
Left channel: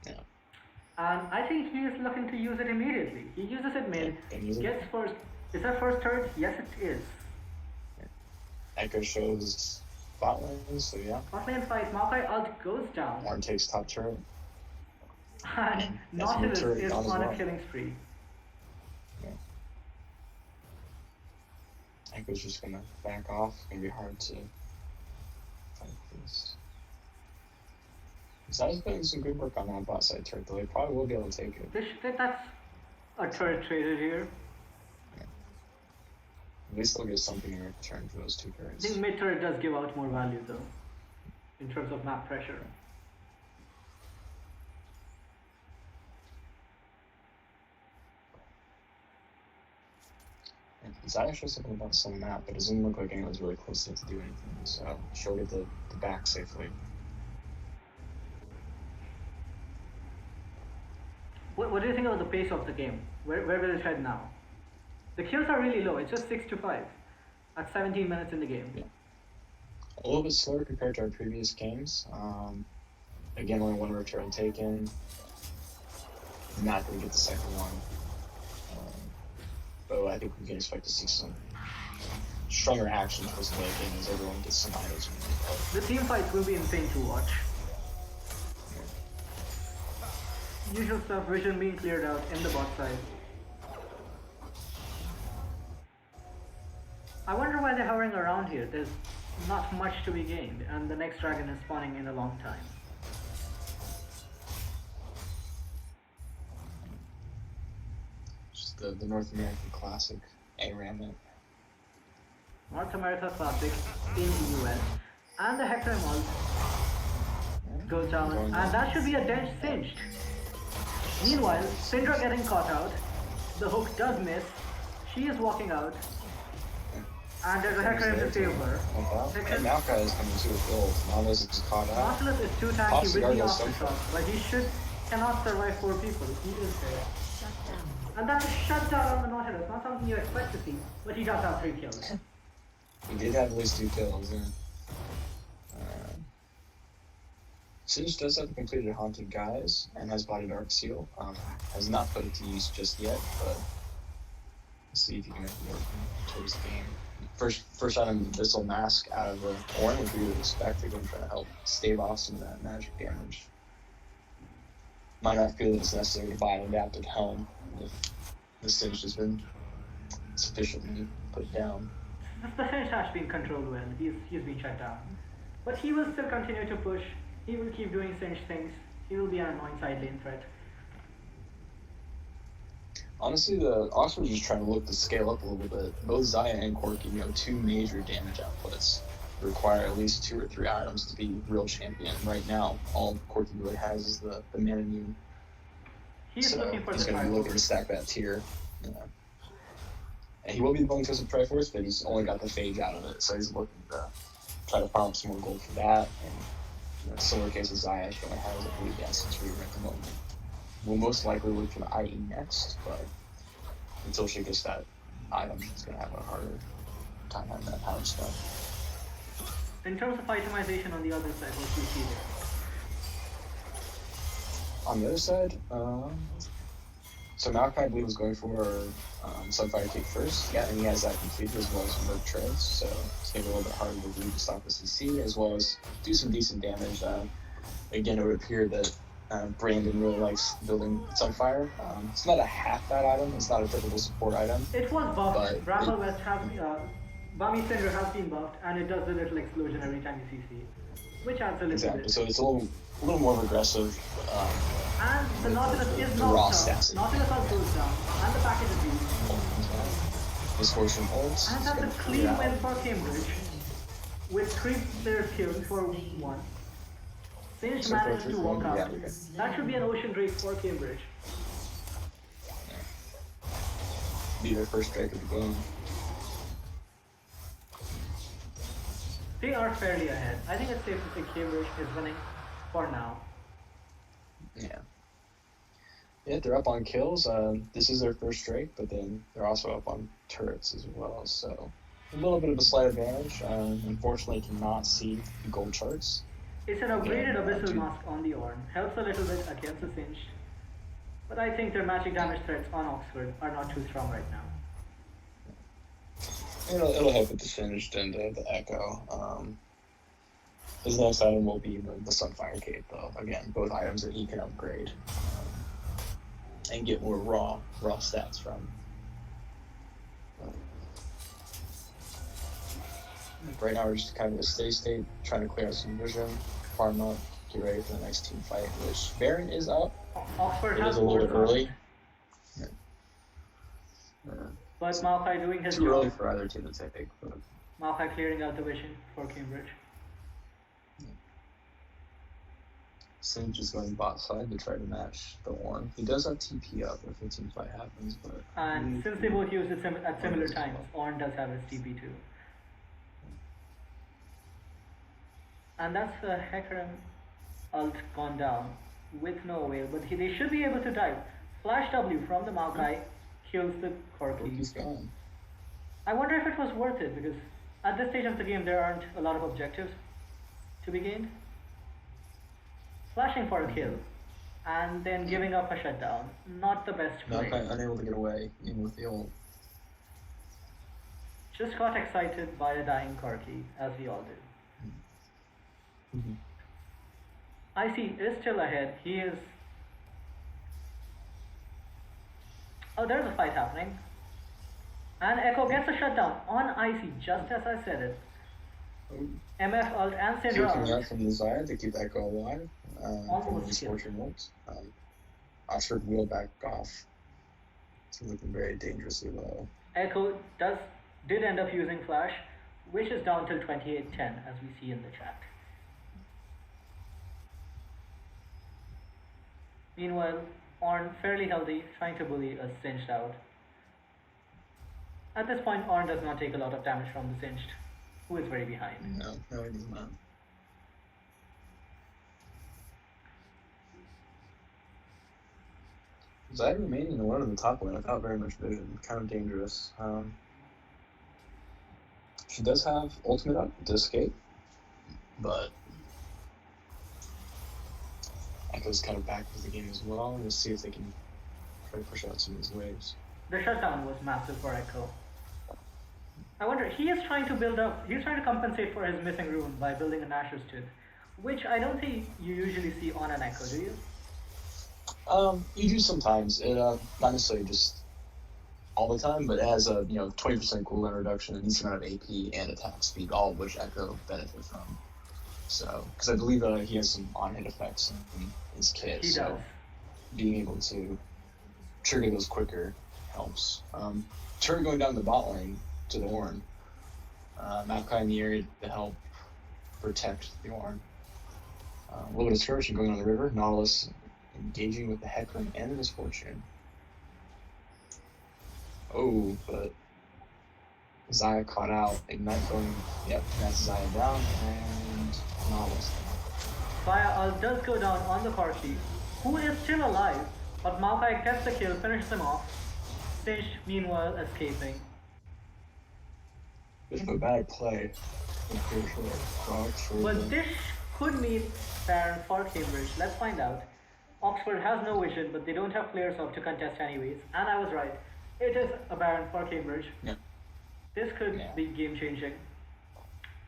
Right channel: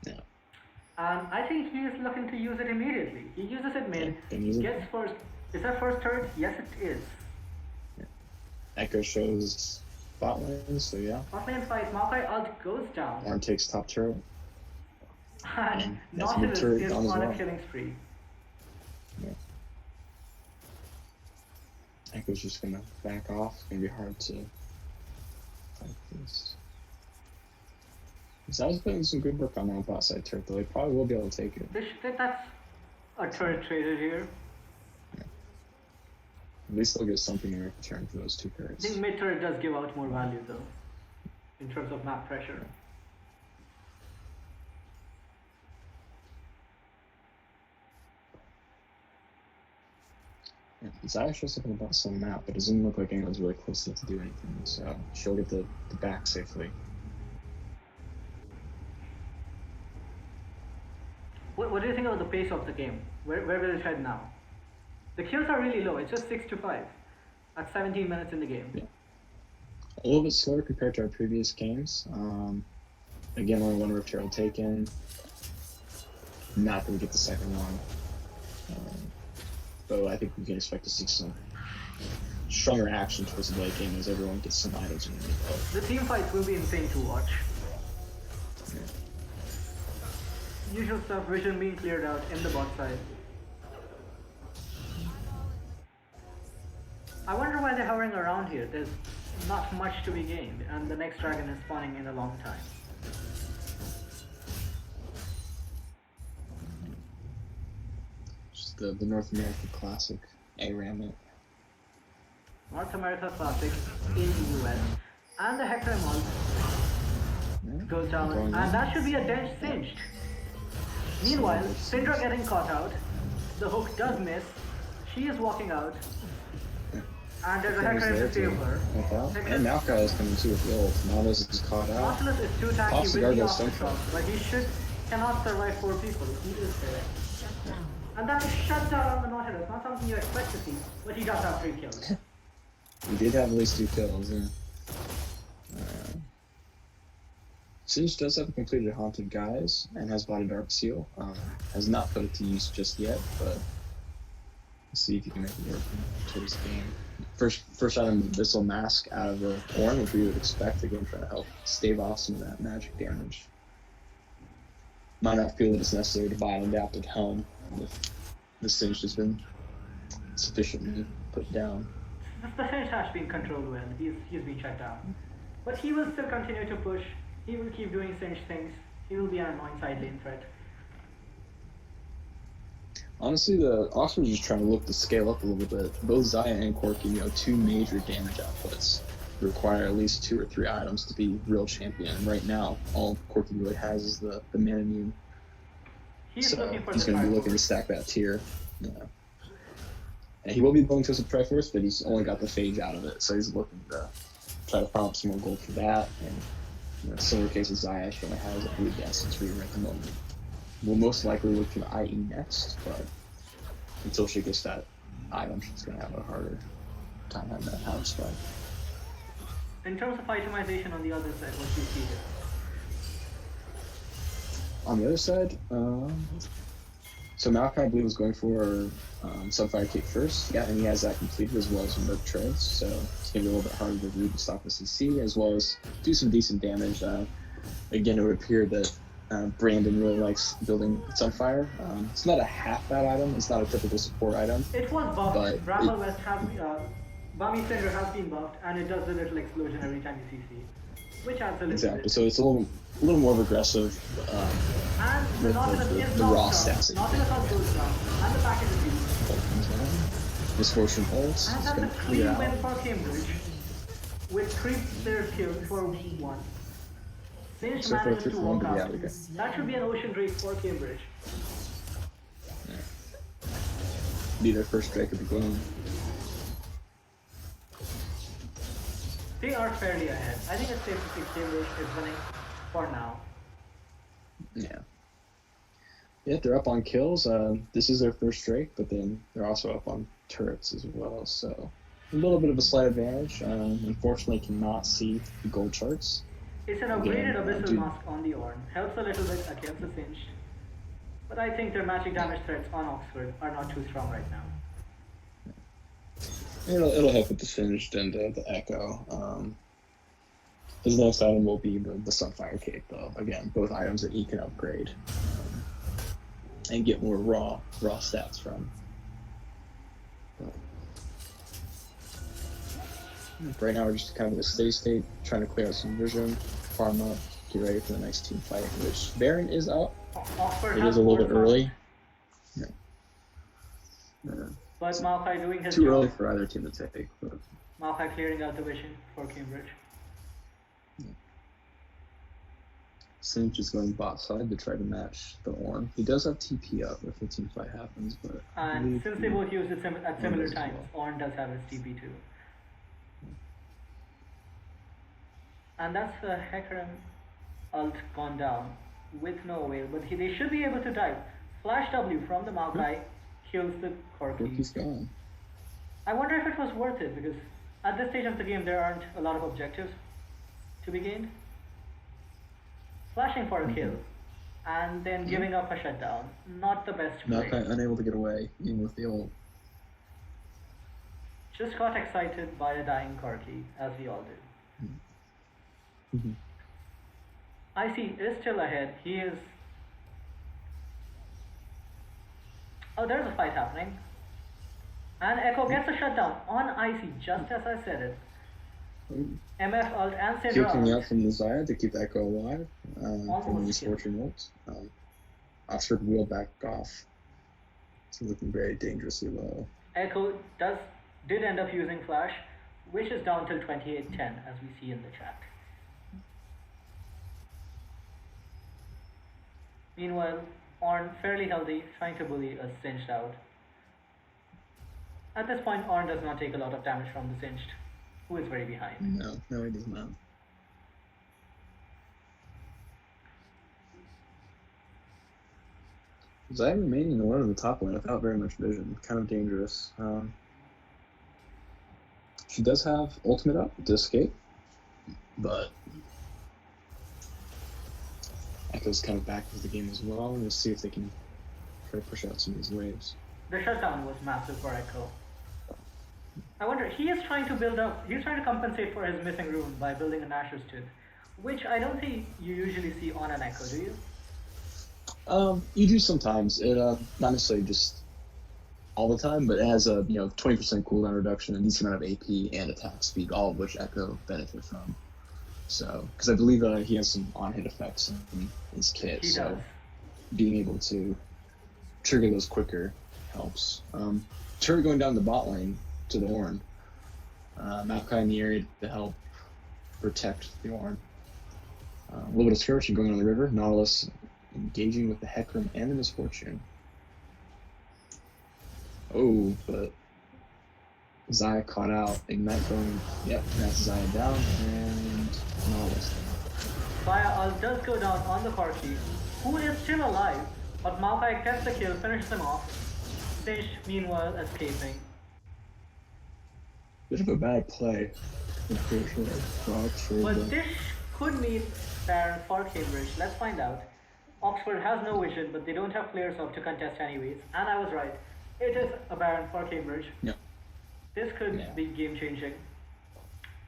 Yeah. And I think he is looking to use it immediately. He uses it mid, Can use it. gets first. Is that first turret? Yes, it is. Echo shows bot lane, so yeah. Bot lane fight, Maokai ult goes down. Ornn takes top turret. And Nautilus is on a killing spree. Yeah. Echo's just gonna back off. It's gonna be hard to fight this. Zai's putting some good work on that bot side turret though. He probably will be able to take it. That's a turret traded here. At least they'll get something in return for those two turrets. I think mid turret does give out more value though, in terms of map pressure. Zai shows something about some map, but it doesn't look like anyone's really close enough to do anything, so she'll get the back safely. What do you think about the pace of the game? Where will it head now? The kills are really low. It's just 6-5 at 17 minutes in the game. A little bit slower compared to our previous games. Again, only one Rift Herald taken. Not going to get the second one. But I think we can expect to see some stronger action towards the late game as everyone gets some items in the The team fights will be insane to watch. Usual stuff, vision being cleared out in the bot side. I wonder why they're hovering around here. There's not much to be gained, and the next dragon is spawning in a long time. Just the North American classic ARAM. North America Classic in the US. And the Hector ult goes down, and that should be a dense cinched. Meanwhile, Syndra getting caught out. The hook does miss. She is walking out. And there's a Hecarim to save her. And Maokai is coming too with the ult. Nautilus is caught out. Nautilus is too tanky with the aftershock, but he cannot survive 4 people. He is there. And that's a shutdown on the Nautilus. Not something you expect to see, but he does have 3 kills. He did have at least 2 kills, yeah. Singe does have a completed Haunted Guise and has bought a Dark Seal. Has not put it to use just yet, but let's see if he can make it work towards the game. First item, Abyssal Mask out of the Ornn, which we would expect, again, trying to help stave off some of that magic damage. Might not feel that it's necessary to buy an adapted helm if the Singe has been sufficiently put down. The Singe has been controlled well. He's been shut down. But he will still continue to push. He will keep doing Singe things. He will be an annoying side lane threat. Honestly, the Oxford is just trying to look to scale up a little bit. Both Zaya and Corki, 2 major damage outputs, require at least 2 or 3 items to be real champion. And right now, all Corki really has is the mana immune. He's looking for he's the going to be looking to stack that tier. And he will be going to some Triforce, but he's only got the Phage out of it, so he's looking to try to farm up some more gold for that. And similar case with Zaya, she only has a blue advanced rear at the moment. We'll most likely look for the IE next, but until she gets that item, she's going to have a harder time having that power spell. In terms of itemization on the other side, what do you see here? On the other side, so Maokai, I believe, was going for Sunfire Cape first. Yeah, and he has that completed as well as some Merc Treads, so it's going to be a little bit harder to read the stock with CC, as well as do some decent damage. Again, it would appear that Brandon really likes building Sunfire. It's not a half bad item, it's not a typical support item. It was buffed. Bramble West has Bami Cinder has been buffed, and it does a little explosion every time you CC, which adds a little bit. So it's a little more aggressive. And the Nautilus is knocked down. Nautilus ult goes down, and the package is used. Misfortune ults. And that's a clean win for Cambridge, with 3 players killed for 1. Singe manages to walk out. That should be an ocean race for Cambridge. Be their first strike of the game. They are fairly ahead. I think it's safe to say Cambridge is winning for now. Yeah, they're up on kills. This is their first strike, but then they're also up on turrets as well. So a little bit of a slight advantage. Unfortunately, cannot see the gold charts. It's an upgraded Abyssal Mask on the Ornn. Helps a little bit against the Singe. But I think their magic damage threats on Oxford are not too strong right now. It'll help with the Singed and the Echo. His next item will be the Sunfire Cape, though. Again, both items that he can upgrade and get more raw stats from. Right now, we're just kind of in a steady state, trying to clear out some vision, farm up, get ready for the next team fight. Which Baron is up. Oxford It has is a little bit more early. fun. But Maokai doing his Too job. early for either team to take. But Maokai clearing out the vision for Cambridge. Singed is going bot side to try to match the Orn. He does have TP up if the team fight happens, but... And since they both used it at similar times, Orn does have his TP too. And that's the Hecarim ult gone down with no avail, but they should be able to dive. Flash W from the Maokai kills the Corki. He's gone. I wonder if it was worth it, because at this stage of the game there aren't a lot of objectives to be gained. Flashing for a kill, and then giving up a shutdown. Not the best play. Maokai unable to get away, even with the ult. Just got excited by a dying Corki, as we all did. Icy is still ahead. He is... Oh, there's a fight happening. And Echo gets a shutdown on Icy, just as I said it. MF ult and Syndra Taking ult. out from Desire to keep Echo alive. From his killed. Fortune ult. Oxford will back off. It's looking very dangerously low. Echo did end up using Flash, which is down till 28-10, as we see in the chat. Meanwhile, Ornn fairly healthy, trying to bully a Singed out. At this point, Ornn does not take a lot of damage from the Singed, who is very behind. No, he does not. Zai remaining alone in the top lane without very much vision, kind of dangerous. She does have ultimate up to escape, but Echo's kind of back into the game as well. We'll see if they can try to push out some of these waves. The shutdown was massive for Echo. I wonder, he is trying to compensate for his missing rune by building an Asher's Tooth, which I don't think you usually see on an Echo, do you? You do sometimes. It not necessarily just all the time, but it has a 20% cooldown reduction, a decent amount of AP and attack speed, all of which Echo benefit from. So, because I believe he has some on-hit effects in his kit. He does. Being able to trigger those quicker helps. Turret going down the bot lane to the Ornn. Maokai in the area to help protect the Ornn. A little bit of skirmishing going on the river. Nautilus engaging with the Hecarim and the Misfortune. Oh, but Zaya caught out. Ignite going, that's Zaya down, and Nautilus down. Fire ult does go down on the Corki, who is still alive, but Maokai gets the kill, finishes him off. Singed, meanwhile, escaping. Bit of a bad play, unfortunately, for Oxford. But this could mean Baron for Cambridge. Let's find out. Oxford has no vision, but they don't have players up to contest anyways. And I was right. It is a Baron for Cambridge. Yeah. This could be game changing.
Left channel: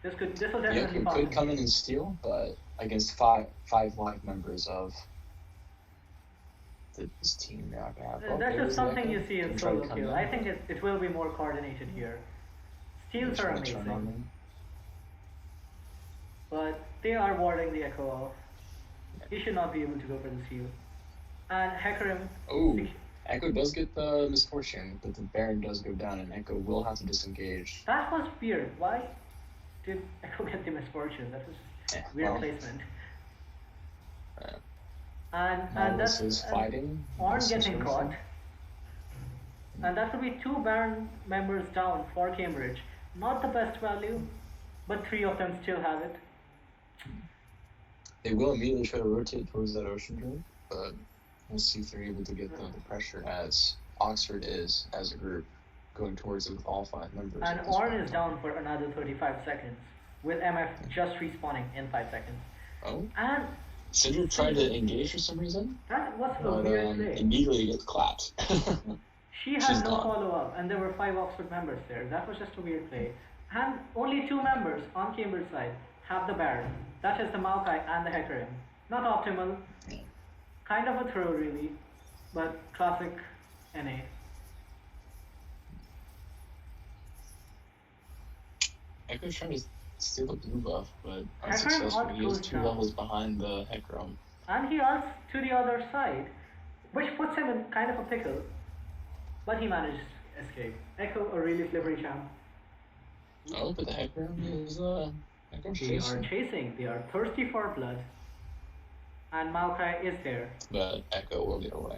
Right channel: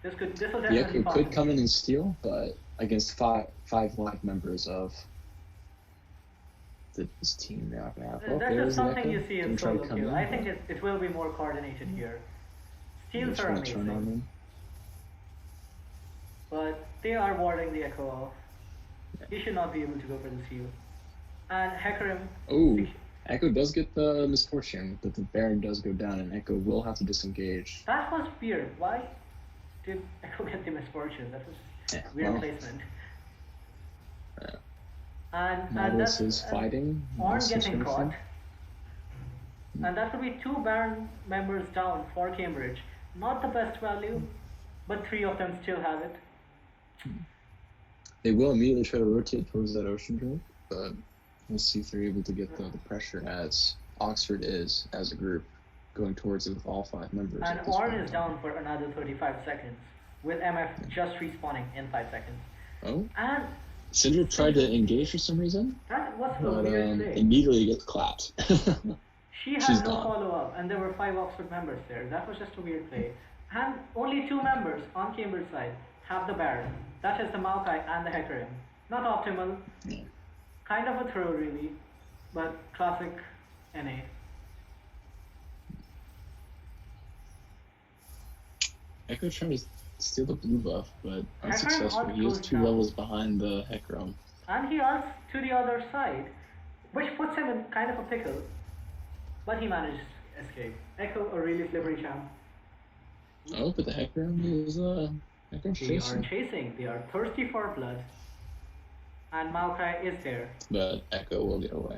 This will Yeah, definitely it pop could in. come in and steal, but against five live members of this team, That's just something you see in solo queue. I think it will be more coordinated here. Steals are amazing, but they are warding the Echo off. He should not be able to go for the steal. And Hecarim... Oh, Echo does get the Misfortune, but the Baron does go down, and Echo will have to disengage. That was weird. Why did Echo get the Misfortune? That was weird placement. And that's fighting. Ornn getting caught. And that would be 2 Baron members down for Cambridge. Not the best value, but 3 of them still have it. They will immediately try to rotate towards that ocean drink, but we'll see if they're able to get the pressure as Oxford is, as a group, going towards it with all 5 members. And Ornn is down for another 35 seconds, with MF just respawning in 5 seconds. Oh? And Syndra tried to engage for some reason. that was a weird play. Immediately gets clapped. She She's had no gone. follow-up, and there were 5 Oxford members there. That was just a weird play. And only 2 members on Cambridge side have the Baron. That is the Maokai and the Hecarim. Not optimal. Kind of a throw, really. But classic NA. Echo's trying to steal the blue buff, but Hecarim unsuccessful. ult He goes is 2 down. levels behind the Hecarim. And he ults to the other side, which puts him in kind of a pickle. But he managed to escape. Echo, a really slippery champ. Oh, but the Hecarim is Hecarim's They are chasing. chasing. They are thirsty for blood. And Maokai is there. But Echo will get away.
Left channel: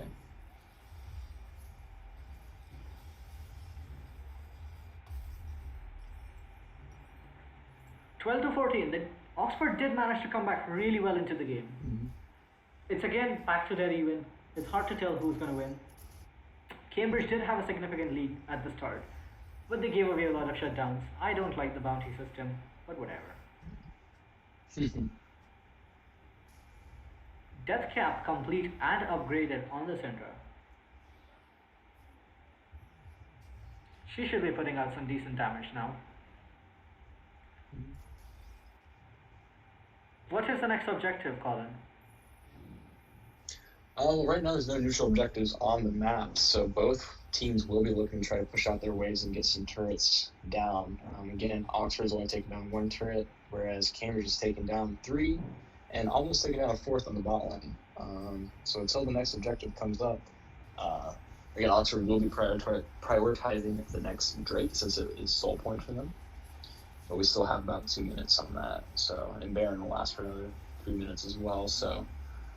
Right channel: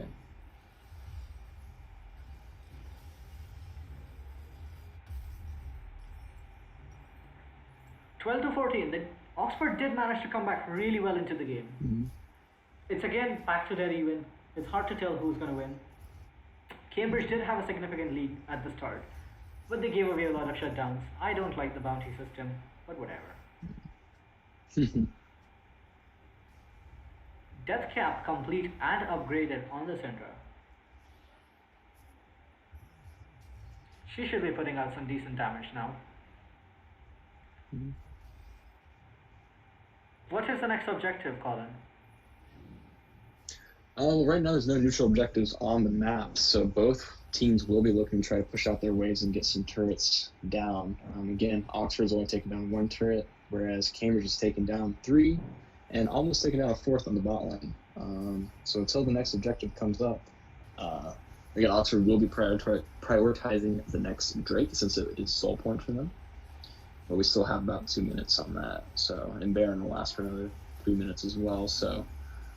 (12-14). The Oxford did manage to come back really well into the game. Mm-hmm. It's again back to dead even. It's hard to tell who's going to win. Cambridge did have a significant lead at the start, but they gave away a lot of shutdowns. I don't like the bounty system, but whatever. Death cap complete and upgraded on the Syndra. She should be putting out some decent damage now. What is the next objective, Colin? Right now there's no neutral objectives on the map, so both teams will be looking to try to push out their waves and get some turrets down. Again, Oxford's only taken down 1 turret, whereas Cambridge has taken down 3 and almost taken down a 4th on the bot lane. So until the next objective comes up, again, Oxford will be prioritizing the next Drake since it is soul point for them. But we still have about 2 minutes on that, so and Baron will last for another 3 minutes as well. So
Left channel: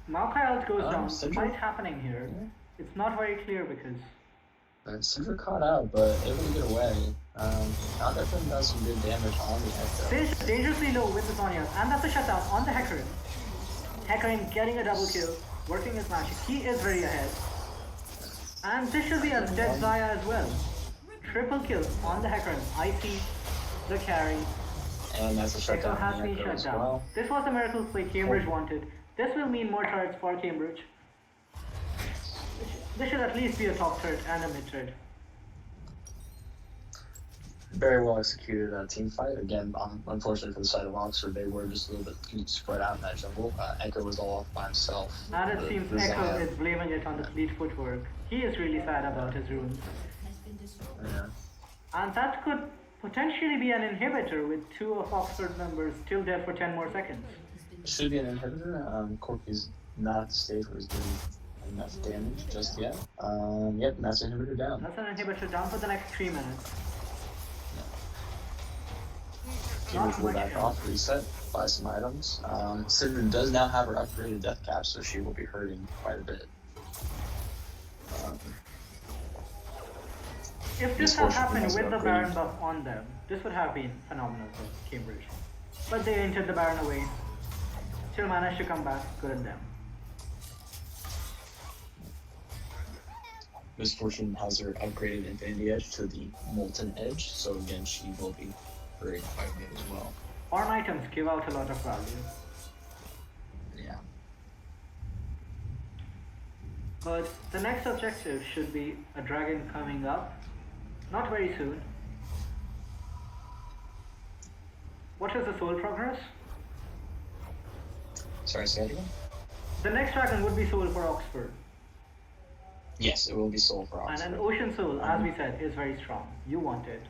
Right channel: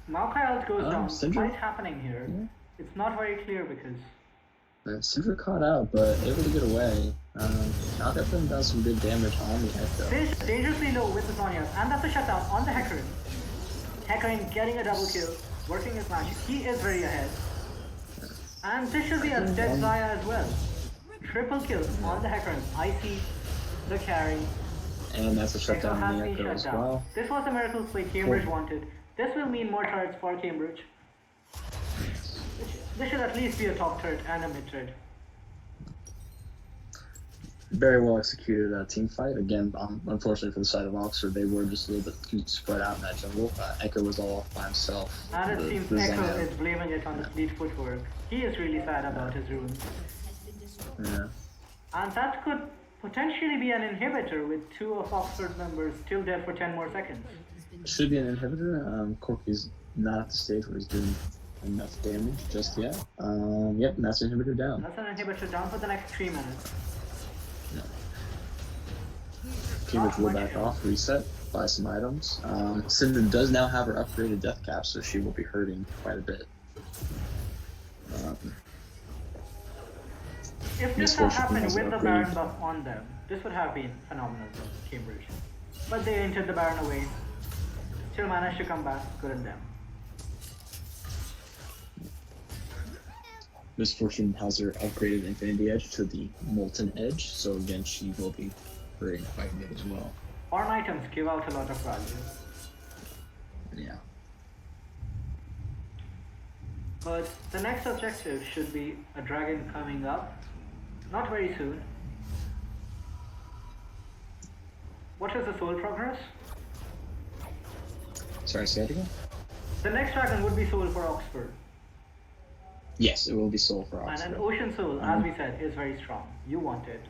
Maokai ult goes down. Syndra- Fight happening here. It's not very clear because Syndra caught out, but able to get away. Now definitely does some big damage on the Echo. Fish dangerously low with the Zhonya's, and that's a shutdown on the Hecarim. Hecarim getting a double kill, working his magic. He is very ahead. And this should be a dead Zaya as well. Triple kill on the Hecarim. I see the carry. And that's a Echo shutdown has on the been Echo shut as down. well. This was the miracle play Cambridge wanted. This will mean more turrets for Cambridge. This should at least be a top turret and a mid turret. Very well executed team fight. Again, unfortunately for the side of Oxford, they were just a little bit too spread out in that jungle. Echo was all by himself. And it seems The Echo Zaya. is blaming it on the fleet footwork. He is really sad about his runes. Yeah. And that could potentially be an inhibitor with 2 of Oxford members still dead for 10 more seconds. Should be an inhibitor. Corky's not at the stage where he's doing enough damage just yet. Yep, and that's inhibitor down. That's an inhibitor down for the next 3 minutes. Cambridge will much back else. off, reset, buy some items. Cinder does now have her upgraded death cap, so she will be hurting quite a bit. If this had Misfortune happened is with the not Baron great. buff on them, this would have been phenomenal for Cambridge. But they entered the Baron away. Still managed to come back, good on them. Misfortune has her upgraded Infinity Edge to the Molten Edge, so again, she will be hurting quite a bit as well. Farm items give out a lot of value. Yeah. But the next objective should be a dragon coming up. Not very soon. What is the soul progress? Sorry, say that again? The next dragon would be soul for Oxford. Yes, it will be soul for And Oxford. an ocean soul, as we said, is very strong. You want it.